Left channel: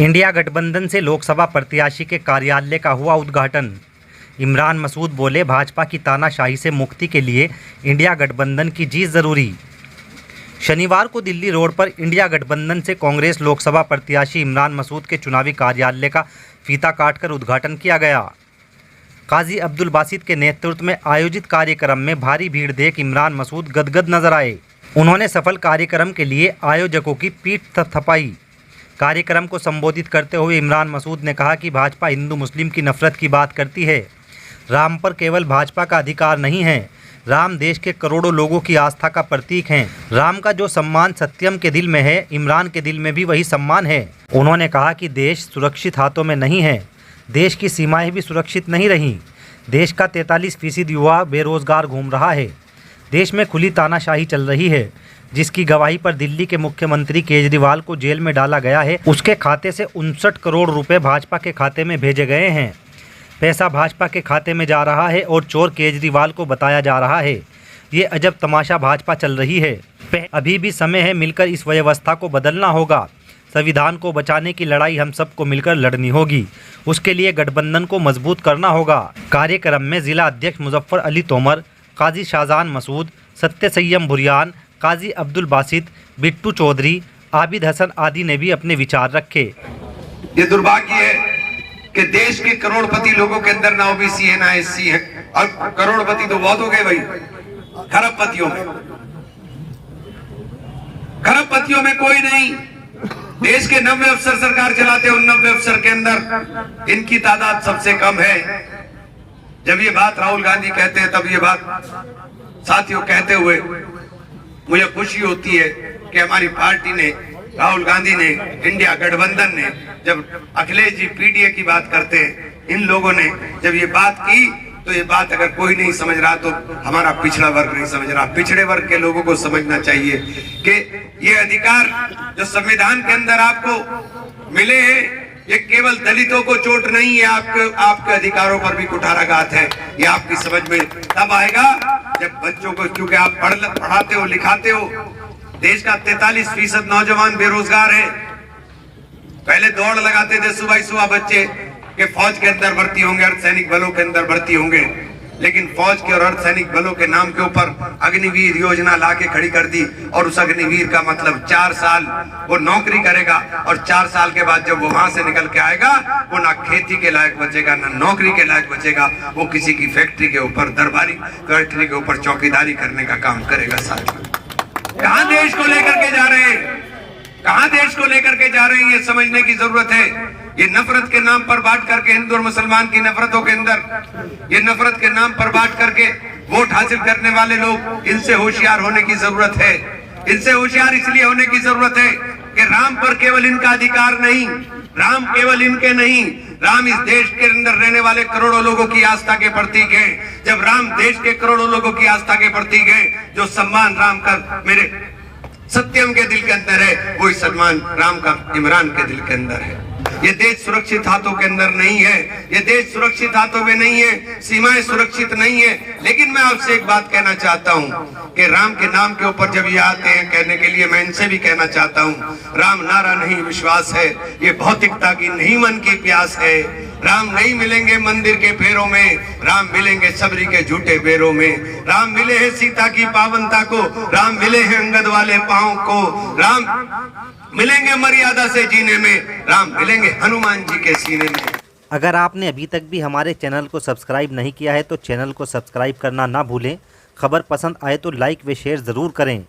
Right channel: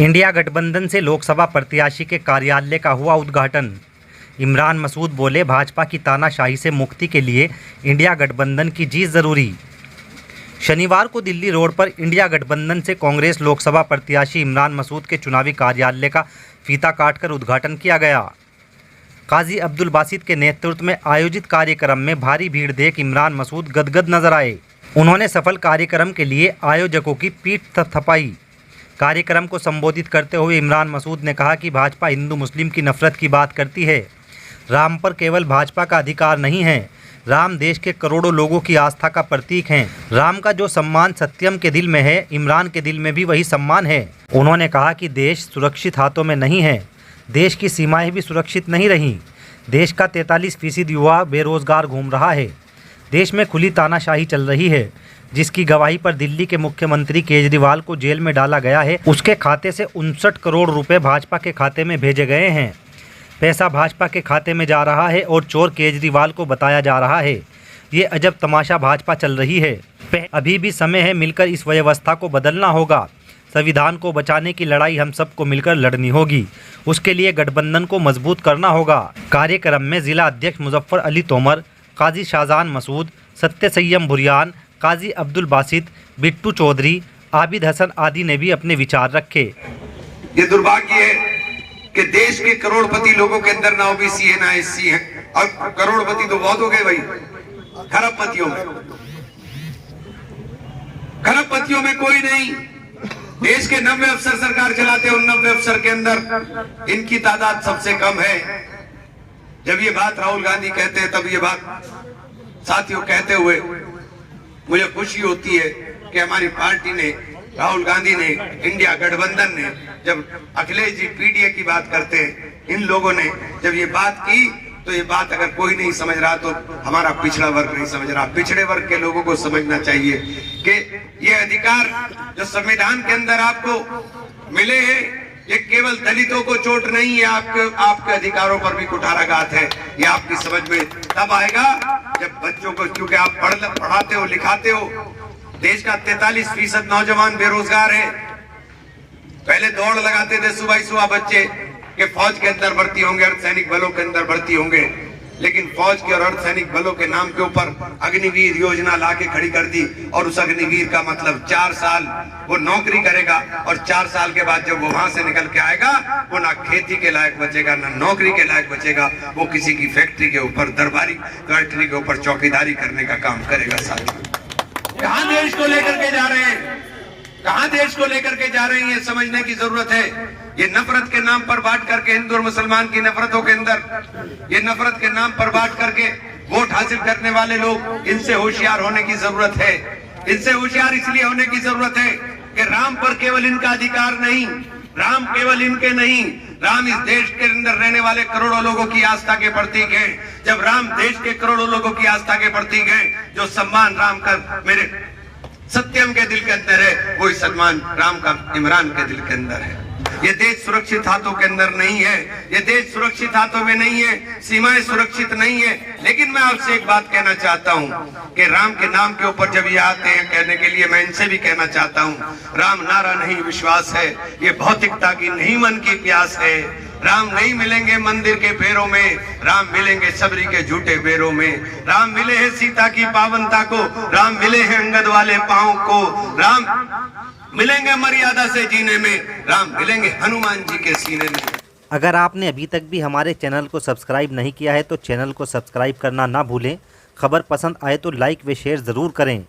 India गठबंधन से लोकसभा प्रत्याशी के कार्यालय का हुआ उद्घाटन। इमरान मसूद बोले, भाजपा की तानाशाही से मुक्ति के लिए इंडिया गठबंधन की जीत जरूरी। शनिवार को दिल्ली रोड पर इंडिया गठबंधन से कांग्रेस लोकसभा प्रत्याशी इमरान मसूद के चुनावी कार्यालय का फीता काटकर उद्घाटन किया गया। काजी अब्दुल बासित के नेतृत्व में आयोजित कार्यक्रम में भारी भीड़ देख इमरान मसूद गदगद नजर आए। उन्होंने सफल कार्यक्रम के लिए आयोजकों की पीठ थपथपाई। कार्यक्रम को संबोधित करते हुए इमरान मसूद ने कहा कि भाजपा हिंदू मुस्लिम की नफरत की बात करती है। राम पर केवल भाजपा का अधिकार नहीं है, राम देश के करोड़ों लोगों की आस्था का प्रतीक हैं। राम का जो सम्मान सत्यम के दिल में है, इमरान के दिल में भी वही सम्मान है। उन्होंने कहा कि देश सुरक्षित हाथों में नहीं है, देश की सीमाएं भी सुरक्षित नहीं रहीं। देश का 43% युवा बेरोजगार घूम रहा है। देश में खुली तानाशाही चल रही है, जिसकी गवाही पर दिल्ली के मुख्यमंत्री केजरीवाल को जेल में डाला गया है। उसके खाते से 59 करोड़ रुपए भाजपा के खाते में भेजे गए हैं। पैसा भाजपा के खाते में जा रहा है और चोर केजरीवाल को बताया जा रहा है। ये अजब तमाशा भाजपा चल रही है। अभी भी समय है, मिलकर इस व्यवस्था को बदलना होगा। संविधान को बचाने की लड़ाई हम सबको मिलकर लड़नी होगी। उसके लिए गठबंधन को मजबूत करना होगा। कार्यक्रम में जिला अध्यक्ष मुजफ्फर अली तोमर, काजी शाहजान मसूद, सत्य सय्यम भुरियान, काजी अब्दुल बासित, बिट्टू चौधरी, आबिद हसन आदि ने भी अपने विचार रखे। ये दुर्भाग्य है कि देश के करोड़पति लोगों के अंदर ना ओबीसी है ना एससी है, और करोड़पति तो बहुत हो गए भाई, खरबपतियों में कोई नहीं। देश के 90 अफसर सरकार चलाते हैं, उन 90 अफसर के अंदर इनकी तादाद सबसे कम है। जब ये बात राहुल गांधी कहते हैं, तब ये बात साथियों कहते हुए मुझे खुशी होती है कि हमारी पार्टी ने, राहुल गांधी ने, इंडिया गठबंधन ने, जब अखिलेश जी पीडीए की बात करते हैं, इन लोगों ने जब ये बात की, तो ये बात अगर कोई नहीं समझ रहा तो हमारा पिछड़ा वर्ग नहीं समझ रहा। पिछड़े वर्ग के लोगों को समझना चाहिए कि ये अधिकार जो संविधान के अंदर आपको मिले हैं, ये केवल दलितों को चोट नहीं है, आपके अधिकारों पर भी कुठाराघात है। ये आपकी समझ में तब आएगा जब बच्चों को, क्योंकि आप पढ़ाते हो लिखाते हो। देश का 43% नौजवान बेरोजगार है। पहले दौड़ लगाते थे सुबह सुबह बच्चे कि फौज के अंदर भर्ती होंगे, अर्धसैनिक बलों के अंदर भर्ती होंगे, लेकिन फौज के और अर्धसैनिक बलों के नाम के ऊपर अग्निवीर योजना लाके खड़ी कर दी। और उस अग्निवीर का मतलब 4 साल वो नौकरी करेगा, और 4 साल के बाद जब वो वहां से निकल के आएगा, वो ना खेती के लायक बचेगा, ना नौकरी के लायक बचेगा। वो किसी की फैक्ट्री के ऊपर, दरबारी फैक्ट्री के ऊपर चौकीदारी करने का काम करेगा। साथियों, कहां देश को लेकर के जा रहे हैं, कहां देश को लेकर के जा रहे हैं, ये समझने की जरूरत है। ये नफरत के नाम पर बांट करके, हिंदू और मुसलमान की नफरतों के अंदर ये नफरत के नाम पर बांट करके वोट हासिल करने वाले लोग, इनसे होशियार होने की जरूरत है। इनसे होशियार इसलिए होने की जरूरत है कि राम पर केवल इनका अधिकार नहीं, राम केवल इनके नहीं, राम इस देश के अंदर रहने वाले करोड़ों लोगों की आस्था के प्रतीक है। जब राम देश के करोड़ों लोगों की आस्था के प्रतीक है, जो सम्मान राम का मेरे सत्यम के दिल के अंदर है, वही सम्मान राम का इमरान के दिल के अंदर है। ये देश सुरक्षित हाथों के अंदर नहीं है, ये देश सुरक्षित हाथों में नहीं है, सीमाएं सुरक्षित नहीं है। लेकिन मैं आपसे एक बात कहना चाहता हूं कि राम के नाम के ऊपर जब ये आते हैं कहने के लिए, मैं इनसे भी कहना चाहता हूं, राम नारा नहीं विश्वास है, ये भौतिकता की नहीं मन की प्यास है। राम नहीं मिलेंगे मंदिर के फेरों में, राम मिलेंगे सबरी के झूठे बेरों में। राम मिले हैं सीता की पावनता को, राम मिले हैं अंगद वाले पांव को, राम मिलेंगे मर्यादा से जीने में, राम मिलेंगे हनुमान जी के सीने में। अगर आपने अभी तक भी हमारे चैनल को सब्सक्राइब नहीं किया है तो चैनल को सब्सक्राइब करना ना भूलें। खबर पसंद आए तो लाइक व शेयर ज़रूर करें।